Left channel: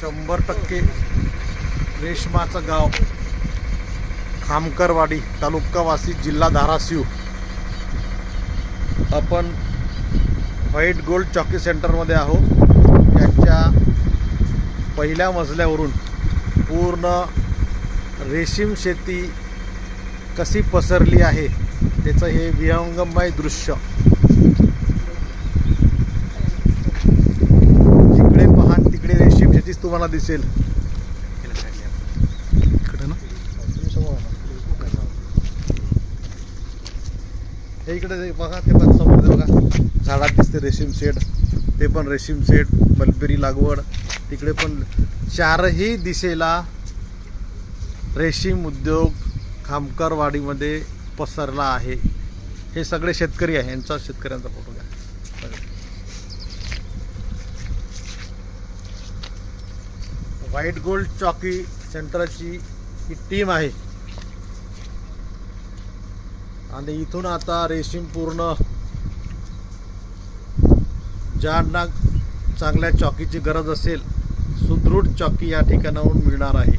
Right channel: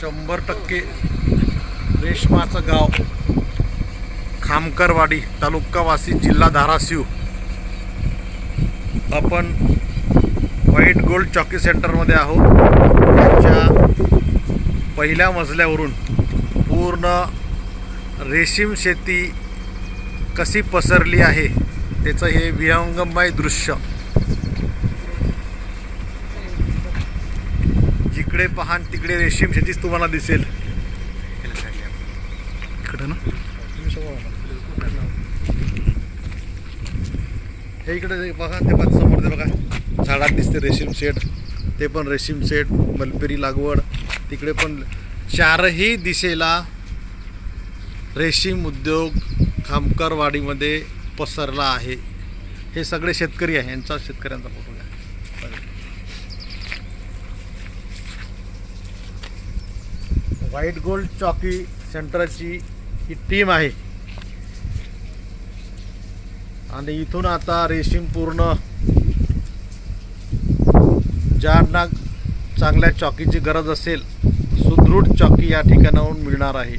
100% रेशमाचं गाव खामकरवाडी, तालुका वाशी, जिल्हा धाराशिव। आपण व्हाईट गोल्ड चॉकी सेंटरमध्ये आहोत। याच्या पहिल्या मजल्यावरून पूर्ण रेशीम शेती कशी पसरली आहे त्याचं हे विहंगमय दृश्य। जिकडे पहा तिकडे रेशीम शेतीच तुम्हाला दिसेल। इकडे ना हे इकडे बघा, ते पण समोर बघा झाडात दिसते रेशीम शेड, ते पण रेशीम शेड, मलबेरी लागवड। तिकडे पण चारही दिशेला रेशीम उद्योग खामकरवाडीमध्ये पसरला आहे। हे सगळे शेतकरी आहे, यांचा शेतकऱ्यांचा फोटो आहे। व्हाईट गोल्ड चॉकी सेंटरची ही टीम आहे आणि इथून आता रेशीम पूर्ण ज्यांना चांगल्या चॉकीची गरज असेल, सुदृढ चॉकी या ठिकाणाहून मिळणार आहे।